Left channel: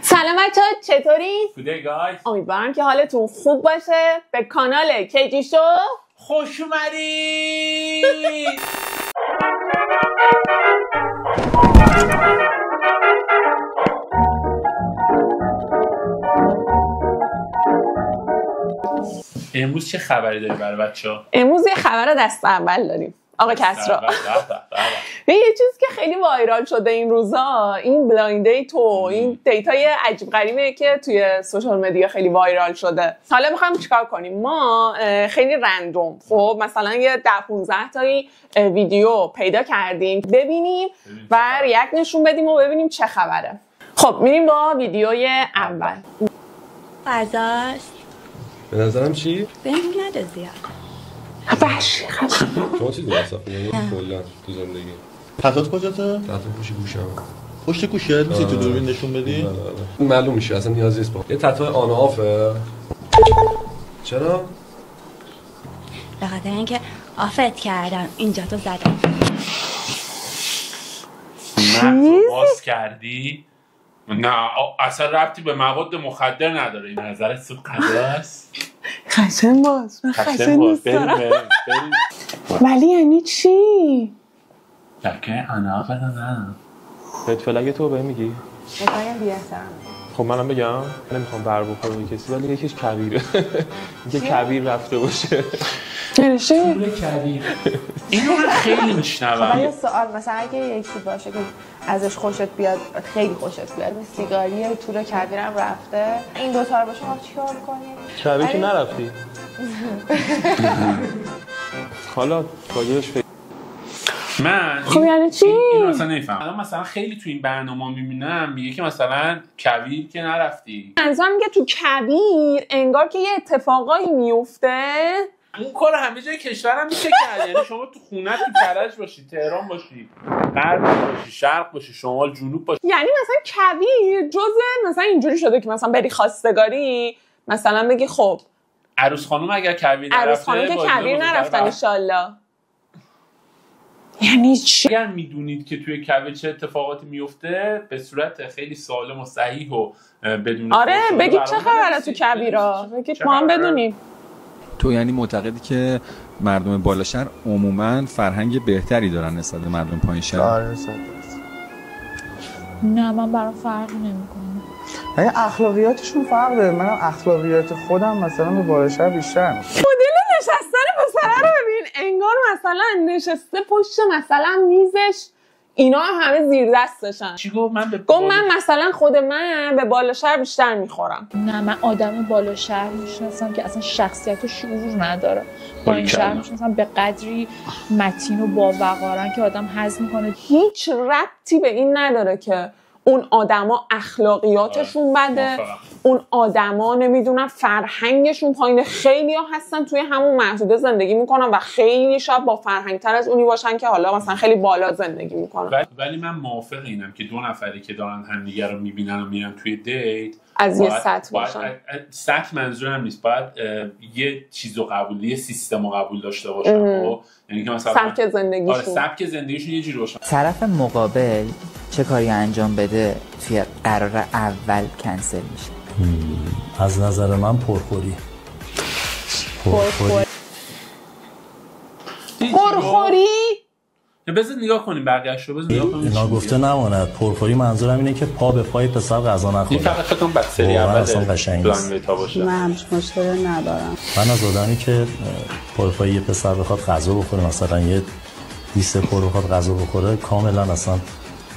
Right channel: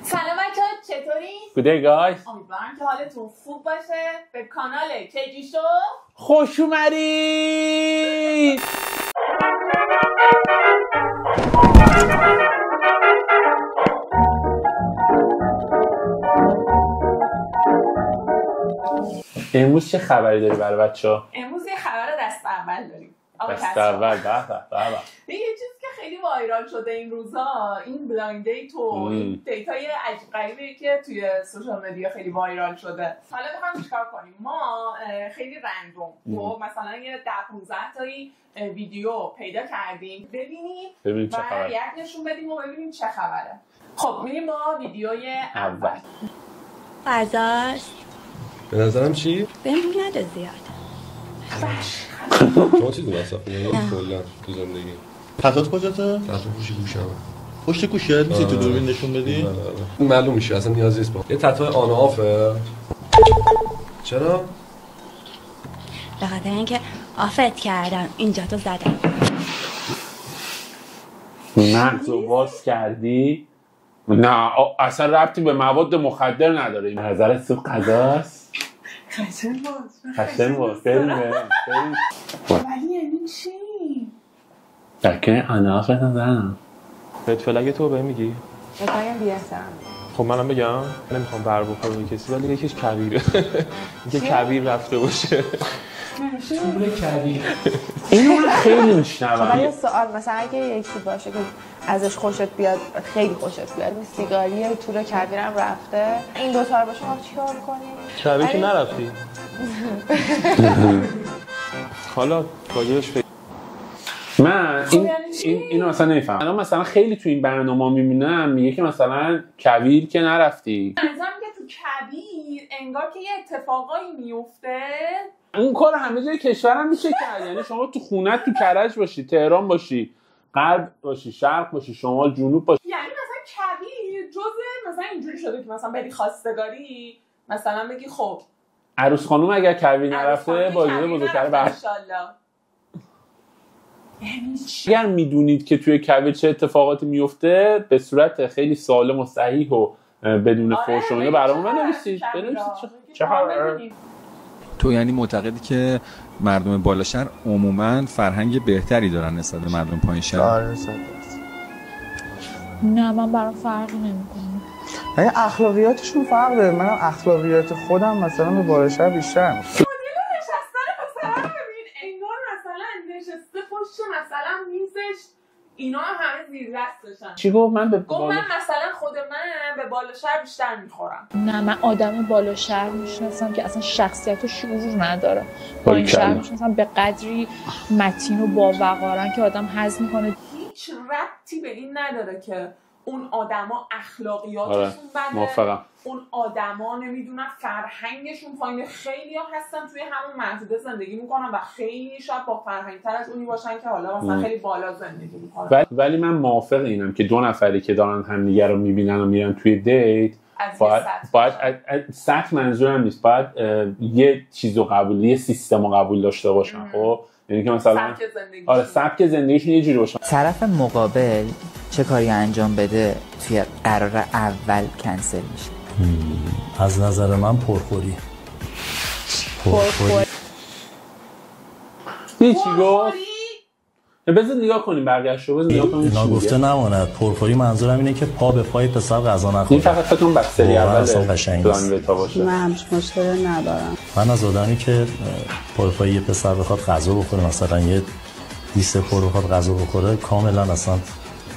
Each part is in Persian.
سلام بچه‌ها، چطورین؟ Good day guys. امیدوارم که حالتون خوب باشه. به کانال کیجی شو خوش اومدید. امروز چه خبری داری برای بچه‌ها؟ امروز یه خبر دست اول داریم. آقا کسرا، یه چیزی که خیلی وایرال شده این روزا، این بلایند دیت و این دیتای عجیب غریبه که توی سوشال مدیا خیلی وایرال شده. حالا می‌خوایم چیکار کنیم؟ ما خیلی رندوم خب مثلا یه 10-15 تایی ویدیو پیدا کردیم ببینیم و ریاکت نشون بدیم و ببینیم چه خبره. خب میریم با ویدیوی اول. فرزاست به نظرم چی؟ بهم رو نده زیاد. شما چیزی مصرف می‌کنید کلا تو زندگی؟ تتوات کجاته؟ تتو پوشی گوشم. پشت گوشه می‌تونی تو دوربین نشون بدی؟ بله. معلوم میشه اصلا نیازی نیست. یه تتو آن آفه. چرا؟ به خاطر اینکه آفت کردم اینجا تو زدم. مغزو باز کردی؟ نه اصلا ربطی به مواد مخدر نداره. این نظرت تو غذاست؟ خشن باز. بریم. ولی یعنی چی؟ دکه اناقه نزنم. فلگ تو به میگی؟ بگم بی‌احترامی. خب منم بگم نمیخوام بر بخوره کسی ولی یکیش کبیره. اینکه کبیر رفته باشه. پول کبیر. اینو خیلی میشنوم. ولی سوال مثلا اگه یکی باشه که ازش خوشت بیاد، خیلی خوشت بیاد، سیگاری تور کبیرم رفته، این دو تا رو باشه ما چیکار می‌کنیم؟ کبیر که نرفتی. حالا راجعش من خب یعنی چی؟ این اصلا نمیفهم. الان مثلا خیلی تو این برنامه میبینم میگه که مثلا کبیر که نرفتی. منظورم میگه تو کبیر انگار که یه اتفاقایی میفته. اون کار همه جای کشورم میشه کرد. یعنی شما تو خونت تو کرج باشی، تهران باشی، غرب باشی، شرق باشی، شمال، جنوب باشی. یعنی مثلا کبیر جزء مثلا اینجوری شده که مثلا بری خواستگاری مثلا بگی خب عروس خانم اگر کبیر عروس خانم نرفته که کبیر نرفته انشالله. یعنی چی؟ اگر میدونید که توی کبیر چه اتفاقاتی میفته به صورت خیلی سالم و صحیح و بدون آره فحش بگید چه خبره تو کبیرا، بگید ما هم بدونیم. تو یعنی معتقدی که مردم بالا شهر عموماً فرهنگ بهتری دارن نسبت به مردم پایین شهر؟ آره نه من برام فرقی نمیکنه. یعنی اخلاقیاتشون فرق داره. منم اخلاقیات خودم مثلا به بالا شهر بیشتر می‌کنم. مدل نشستن پسره رو ببین، انگار مثلا نشسته پشت مثلا میزش، اینا همه زیر دستشن. چی گفت؟ من مثلا خود من به بالا شهر بیشتر میخورم. نه من آدم بالا شهر میشناسم که اصلا شخصیت و شعور نداره. با این شهر میشناسم به قدری متین و باوقارن که آدم هضم میکنه. هیچ ربطی به این نداره که اون آدما اخلاقیاتشون بده، اون آدما نمیدونم فرهنگشون پایینه. خیلی‌ها هستن توی همون محدوده زندگی میکنن و خیلی شاید با فرهنگ‌تر از اونی باشن که حالا مثلا خیلی بالا زندگی میکنن. ولی من موافق اینم که دو نفری که دارن همدیگه رو میبینن و میرن توی دیت از یه سطح باشن. سطح منظورم نیست، باید یه چیزو قبول، یه سیستمو قبول داشته باشن. خب یعنی که مثلا سبک زندگیشون، آره سبک زندگیشون یه جوری باشه. طرف مقابل چه کاری انجام بده توی قرار اول کنسل میشه؟ از نظر من پرخوری. بذار نگاه کنیم برگشت رو. اینا گفته نماند. پرخوری منظورم اینه که پا به پای پسر غذا نخوره. این فقط فکر کنم بکتری اصلا قشنگ نیست. من همش مشکلی ندارم. من از آدمی که پا پای یه پسر بخواد غذا بخوره، مثلا یه 20 پر بخواد غذا بخوره، کاملا اصلا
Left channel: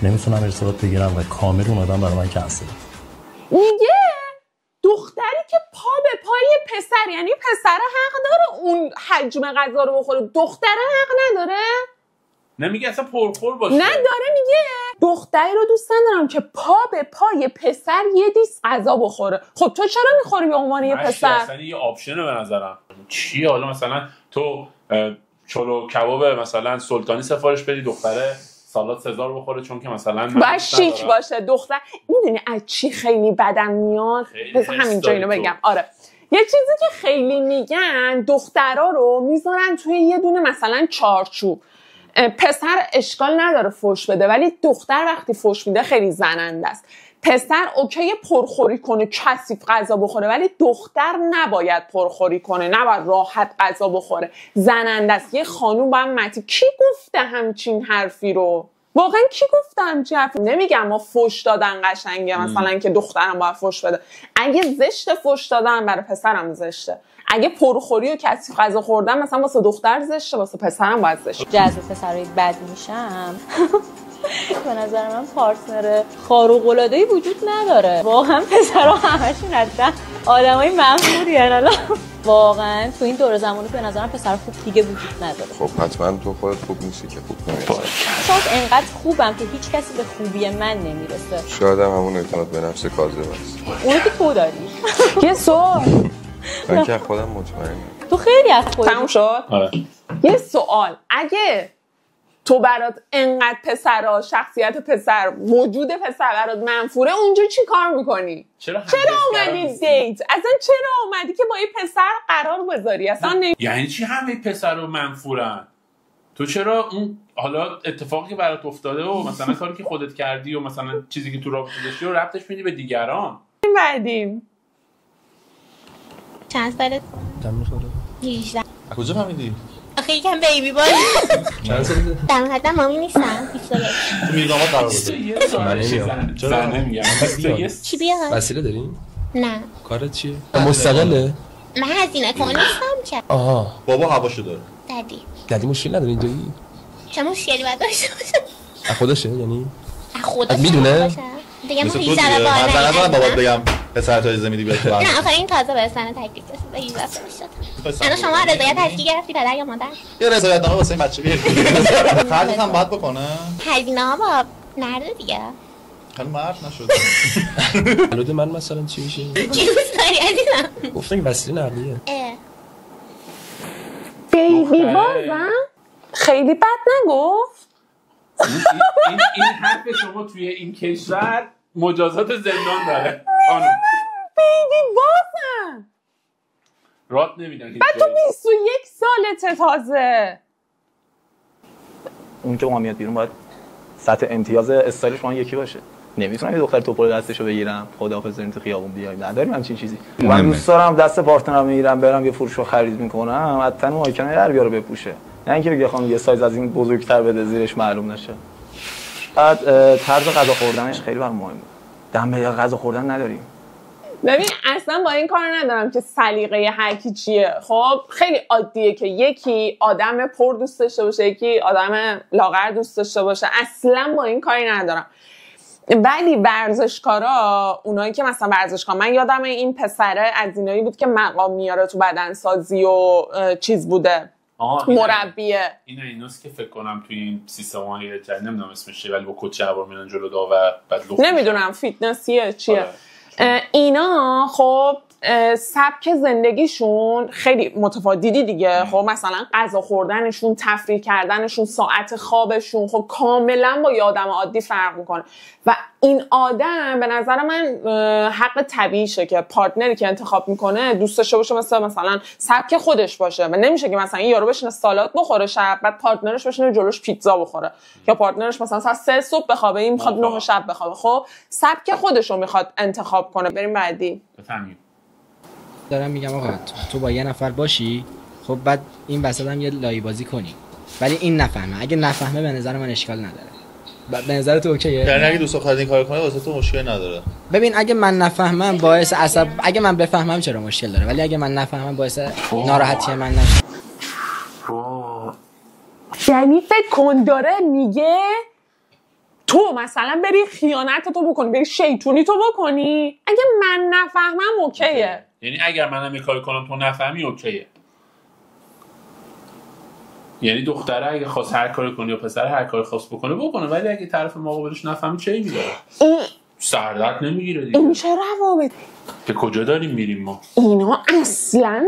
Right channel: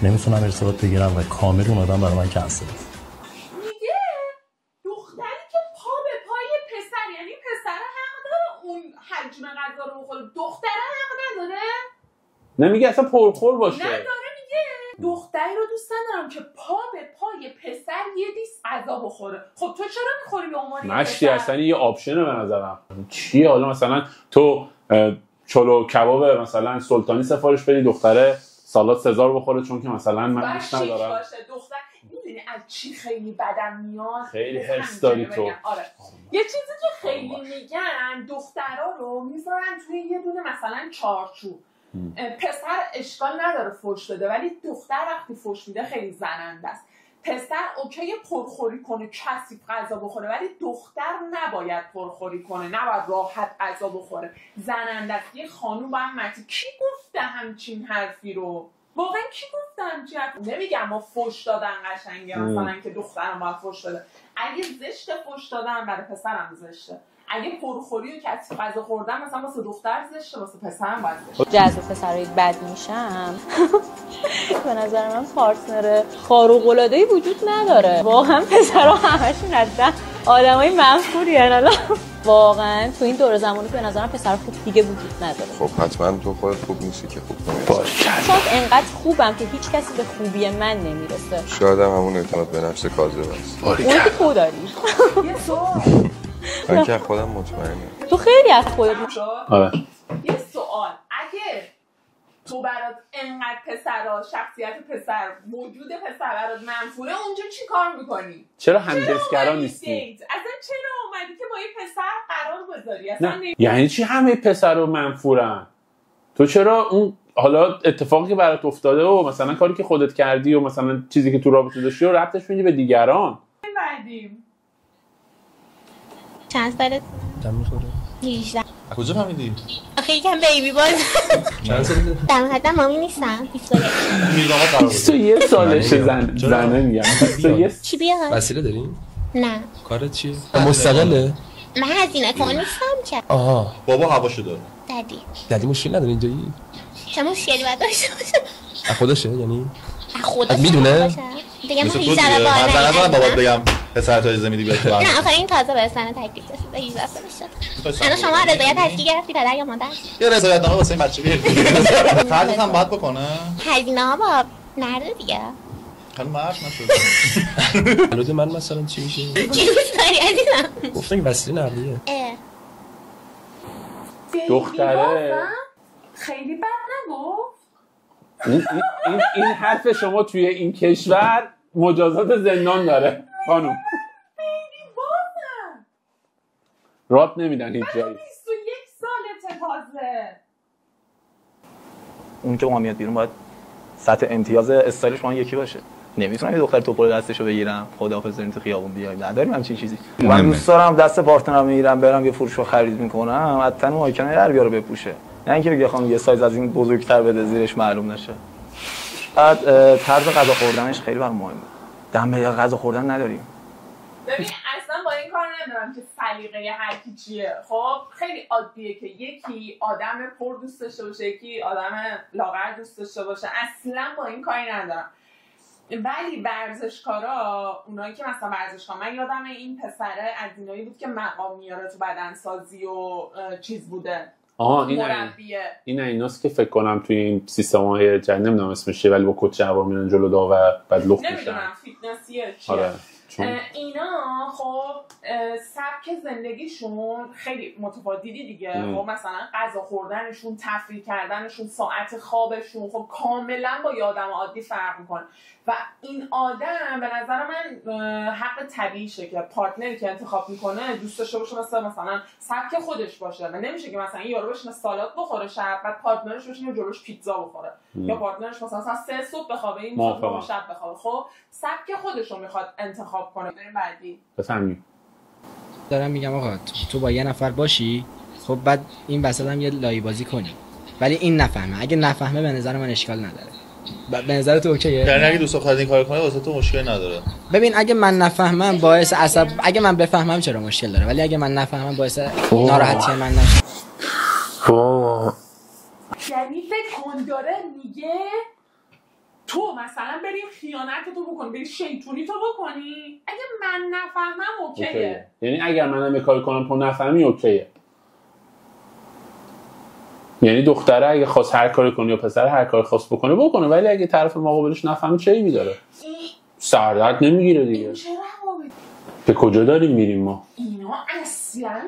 نمیتونم ارتباط بگیرم و کامل اون آدم برای من کنسل. میگه دختری که پا به پای پسر، یعنی پسر حق داره اون حجم غذا رو بخوره، دختره حق نداره؟ نمیگه اصلا پرخور باشه. نه داره میگه دختری رو دوست ندارم که پا به پای پسر یه دیس غذا بخوره. خب تو چرا میخوری به عنوان یه پسر؟ اصلا یه آپشنه به نظرم. چیه حالا مثلا تو چلو کباب مثلا سلطانی سفارش بدی، دختره سالاد سزار بخوره چون که مثلا باید شیک باشه. دختر میدونی از چی خیلی بدم میاد؟ مثلا همینجا اینو بگم. آره یه چیزی که خیلی میگن دخترها رو میذارن توی یه دونه مثلا چارچوب. پسر اشکال نداره فوش بده، ولی دختر وقتی فوش میده خیلی زننده است. پسر اوکی پرخوری کنه، کثیف غذا بخوره، ولی دختر نباید پرخوری کنه، نباید راحت غذا بخوره. زننده است. یه خانوم با هم کی گفته همچین حرفی رو؟ واقعا کی گفته همچین حرفی؟ نمیگم ما فوش دادن قشنگه مثلا که دخترم باید فوش بده. اگه زشت فوش دادن برای پسرم زشته. اگه پرخوری و کثیف غذا خوردن مثلا واسه دختر زشته، واسه پسرم باید زشته. جذب پسرای بد میشم. به نظر من پارتنر خارق‌العاده‌ای وجود نداره. واقعا پسرها همشون هستن آدمای منفوری ان. واقعا تو این دور زمانی به نظرم پسر خوب دیگه وجود نداره. خب حتما تو خودت خوب نیستی که خوب نمی‌شی. شاید انقدر خوبم که هیچ کسی به خوبی من نمیرسه. شاید هم همون اعتماد به نفس کاذب است. اونو که تو داری. یه سوال. من که خودم مطمئنم. تو خیلی از خودت. تموم شد؟ آره. یه سوال، اگه تو برات انقدر پسرها، شخصیت پسر، وجود پسر برات منفوره، اونجا چی کار میکنی؟ چرا همدستگرا نیستی؟ اصلا چرا اومدی که با یه پسر قرار بذاری؟ اصلا یعنی چی همه پسرها منفورن؟ تو چرا اون حالا اتفاقی که برات افتاده و مثلا کاری که خودت کردی و مثلا چیزی که تو رابطه داشتی رو ربطش میدی به دیگران؟ بعدیم چند سالت؟ دم میخوره 18. کجا فهمیدی؟ آخه یکم بیبی بای. چند سالته؟ در حد مامی نیستم. 21. تو میرزامات قرار بوده. 21 سالشه زنه میگم. چی بیاد؟ وسیله دارین؟ نه. کارت چیه؟ مستقله؟ من هزینه کن نیستم که. آها. بابا هواشو داره. دادی مشکل نداره اینجایی؟ چه مشکلی باید داشته باشه؟ از خودشه یعنی؟ از خودشه میدونه؟ دیگه مثل تو دیگه من ندارم بابات بگم پسر تا اجازه میدی بیاد تو برنامه. نه آخه این تازه به سن تکلیف رسیده 18 سالش شد. الان شما رضایت تشکیل گرفتی پدر یا مادر؟ یه رضایت نامه واسه این بچه بیار. خرجت هم باید بکنه. هزینه ها با مرد دیگه. خانم مرد نشده. البته من مثلا چی میشه؟ چی دوست داری عزیزم؟ گفتن که وسیله نقلیه. بیبی بازم؟ خیلی بد نگفت؟ این حرف شما توی این کشور مجازات زندان داره خانم. بیبی بازم رات نمیدن هیچ جایی. بعد تو 21 سالته تازه. اون که با من میاد بیرون باید سطح امتیاز استایلش با من یکی باشه. نمیتونم یه دختر توپل دستشو بگیرم خداحافظ بریم تو خیابون بیایم. نداریم همچین چیزی. من دوست دارم دست پارتنرم میگیرم برم یه فروشو خرید میکنم حتما اون آیکن در بیاره بپوشه. نه اینکه بگه خانم یه سایز از این بزرگتر بده زیرش معلوم نشه. بعد طرز غذا خوردنش خیلی برام مهمه. دم به غذا خوردن نداریم. ببین اصلا با این کار ندارم که سلیقه هر کی چیه. خب خیلی عادیه که یکی آدم پر دوست داشته باشه، یکی آدم لاغر دوست داشته باشه. اصلا با این کاری ندارم. ولی ورزشکارا، اونایی که مثلا ورزشکار، من یادم این پسره از اینایی بود که مقام میاره تو بدنسازی و چیز بوده. مربیه. ایناست که فکر کنم توی این سیستم‌های جدید نمیدونم اسمش چیه ولی با کت جوار میرن جلو داور بعد لخت نمیدونم فیتنسیه چیه. آره. اینا خب سبک زندگیشون خیلی متفاوتی دیگه. خب مثلا غذا خوردنشون، تفریح کردنشون، ساعت خوابشون خب کاملا با یه آدم عادی فرق میکنه و این آدم به نظر من حق طبیعیشه که پارتنری که انتخاب میکنه دوست داشته باشه مثلا سبک خودش باشه و نمیشه که مثلا یارو بشینه سالاد بخوره شب بعد پارتنرش بشینه جلوش پیتزا بخوره یا پارتنرش مثلا ساعت 3 صبح بخوابه این میخواد 9 شب بخوابه. خب سبک خودش رو میخواد انتخاب کنه. بریم بعدی. بفهمیم. دارم میگم آقا تو با یه نفر باشی خب بعد این وسط هم یه لایی بازی کنی ولی این نفهمه. اگه نفهمه به نظر من اشکال نداره. به نظر تو اوکیه؟ یعنی اگه دوست دختر این کارو کنه واسه تو مشکل نداره. ببین اگه من نفهمم باعث عصب، اگه من بفهمم چرا مشکل داره ولی اگه من نفهمم باعث ناراحتی من نشه. یعنی فکر کن داره میگه تو مثلا بری خیانت تو بکنی، بری شیطونی تو بکنی، اگه من نفهمم اوکیه. یعنی اگر منم یه کاری کنم تو نفهمی اوکیه. یعنی دختره اگه خواست هر کاری کنه یا پسر هر کاری خواست بکنه ولی اگه طرف مقابلش نفهمی چه ایبی داره؟ سردرد نمیگیره دیگه. این چه روابط؟ به کجا داریم میریم ما؟ اینا اصلا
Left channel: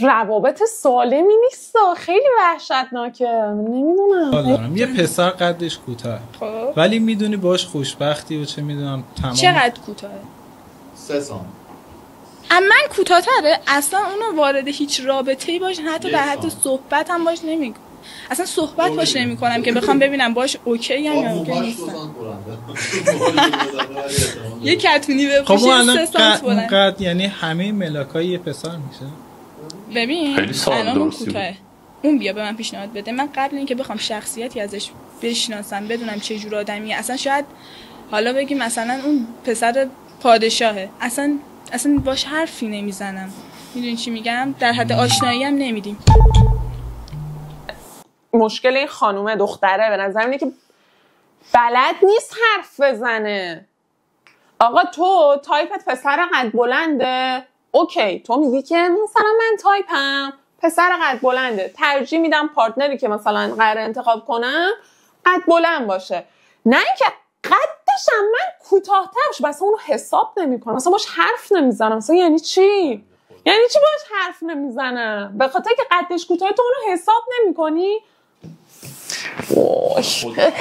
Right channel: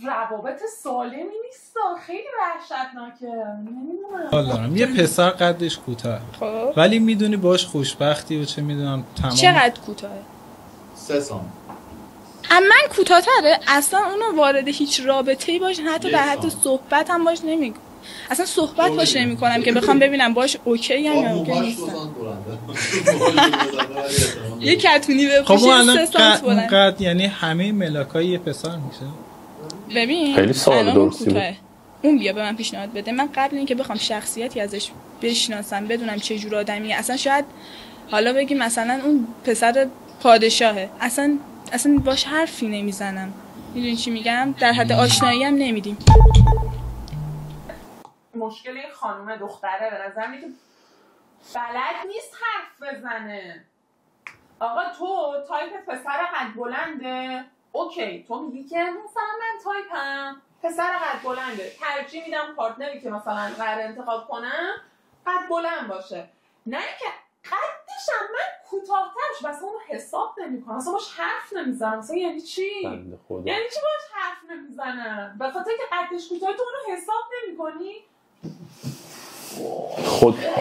روابط سالمی نیست. خیلی وحشتناکه. نمیدونم. یه پسر قدش کوتاه ولی میدونی باش خوشبختی و چه میدونم تمام. چقدر کوتاه؟ 3 سال. من کوتاه‌تره اصلا اونو وارد هیچ رابطه‌ای باش حتی در حد صحبت هم باش نمیگم. اصلا صحبت باش نمی‌کنم که بخوام ببینم باش اوکی ام یا اوکی نیستم. یه کتونی بپوشه 3 سانت بلند. قد یعنی همه ملاکای یه پسر میشه. ببین الان اون کوتاه اون بیا به من پیشنهاد بده، من قبل اینکه بخوام شخصیتی ازش بشناسم بدونم چه جور آدمیه، اصلا شاید حالا بگیم مثلا اون پسر پادشاهه، اصلا باش حرفی نمیزنم. میدونی چی میگم؟ در حد آشنایی هم نمیدیم. مشکل این خانومه دختره به نظر اینه که بلد نیست حرف بزنه. آقا تو تایپت پسر قد بلنده، اوکی تو میگی که مثلا من تایپم پسر قد بلنده، ترجیح میدم پارتنری که مثلا قرار انتخاب کنم قد بلند باشه، نه اینکه قدشم من کوتاه‌تر شه، مثلا اونو حساب نمی‌کنم، مثلا باش حرف نمیزنم. مثلا یعنی چی؟ یعنی چی باش حرف نمیزنم؟ به خاطر که قدش کوتاه تو اونو حساب نمی‌کنی؟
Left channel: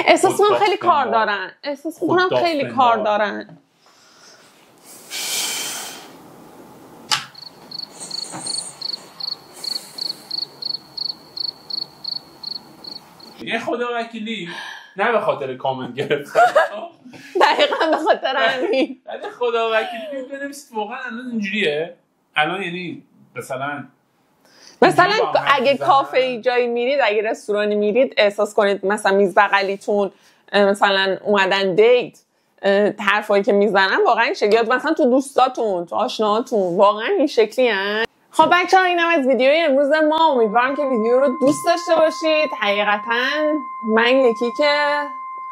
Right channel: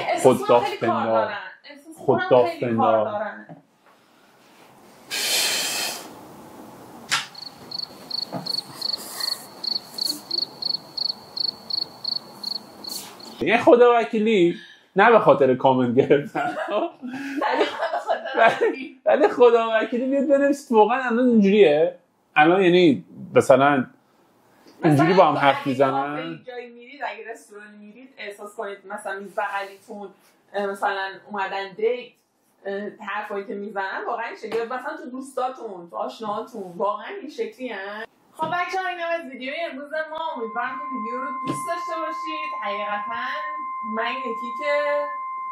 احساس من خیلی کار دارن. احساس کنم خیلی کار دارن. یه خدا وکیلی نه به خاطر کامنت گرفتن، دقیقاً به خاطر همین. ولی خدا وکیلی میاد بنویسید واقعا الان اینجوریه. الان یعنی مثلا اگه کافه جایی میرید، اگه رستورانی میرید، احساس کنید مثلا میز بغلیتون مثلا اومدن دیت، حرفایی که میزنن واقعا این شکلیه، مثلا تو دوستاتون، تو آشناهاتون واقعا این شکلی هن. خب بچه‌ها اینم از ویدیوی امروز ما. امیدوارم که ویدیو رو دوست داشته باشید. حقیقتا من یکی که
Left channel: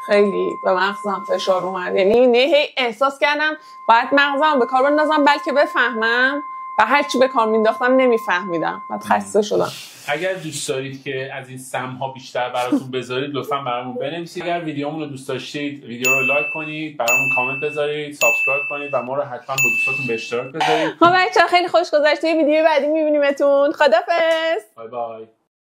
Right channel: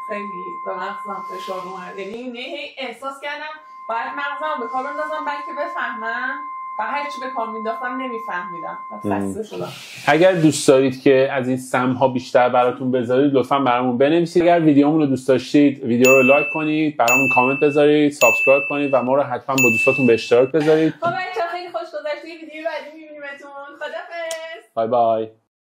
خیلی به مغزم فشار اومد، یعنی هی احساس کردم باید مغزم به کار بندازم بلکه بفهمم و هرچی به کار مینداختم نمیفهمیدم و خسته شدم. اگر دوست دارید که از این سم‌ها بیشتر براتون بذارید لطفاً برامون بنویسید. اگر ویدیومون رو دوست داشتید ویدیو رو لایک کنید، برامون کامنت بذارید، سابسکرایب کنید و ما رو حتما با دوستاتون به اشتراک بذارید. خب بچه‌ها خیلی خوش گذشت. ویدیو بعدی می‌بینیمتون. خدافظ. بای بای.